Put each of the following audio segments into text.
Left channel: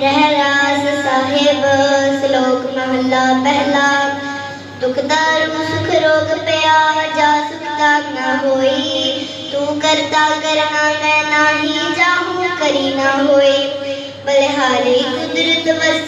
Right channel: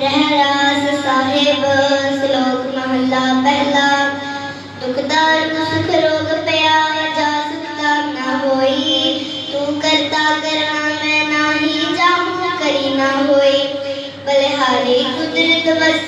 رہراز صاحب، سلوک محلہ پہلا۔ دکھ دار کو سکھ روگ پیا، جا سکتا نہ ہوئی۔ تو کرتا کرنا میں نہ ہی جاؤں کری نہ ہوئی۔ بلحالی قدرت بس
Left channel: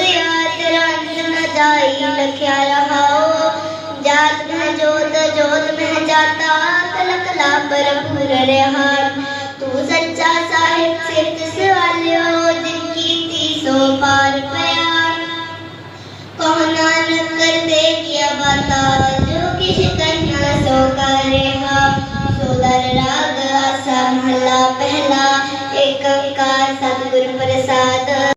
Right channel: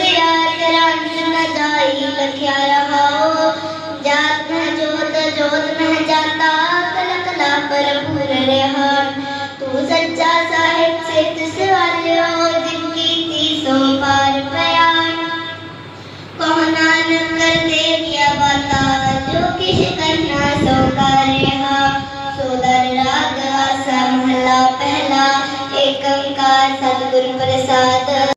رہان تو سچا صاحب سے جس والے ہو دن کی تیسوں پار بیان کہنا نہ کر دے کیا بتا جو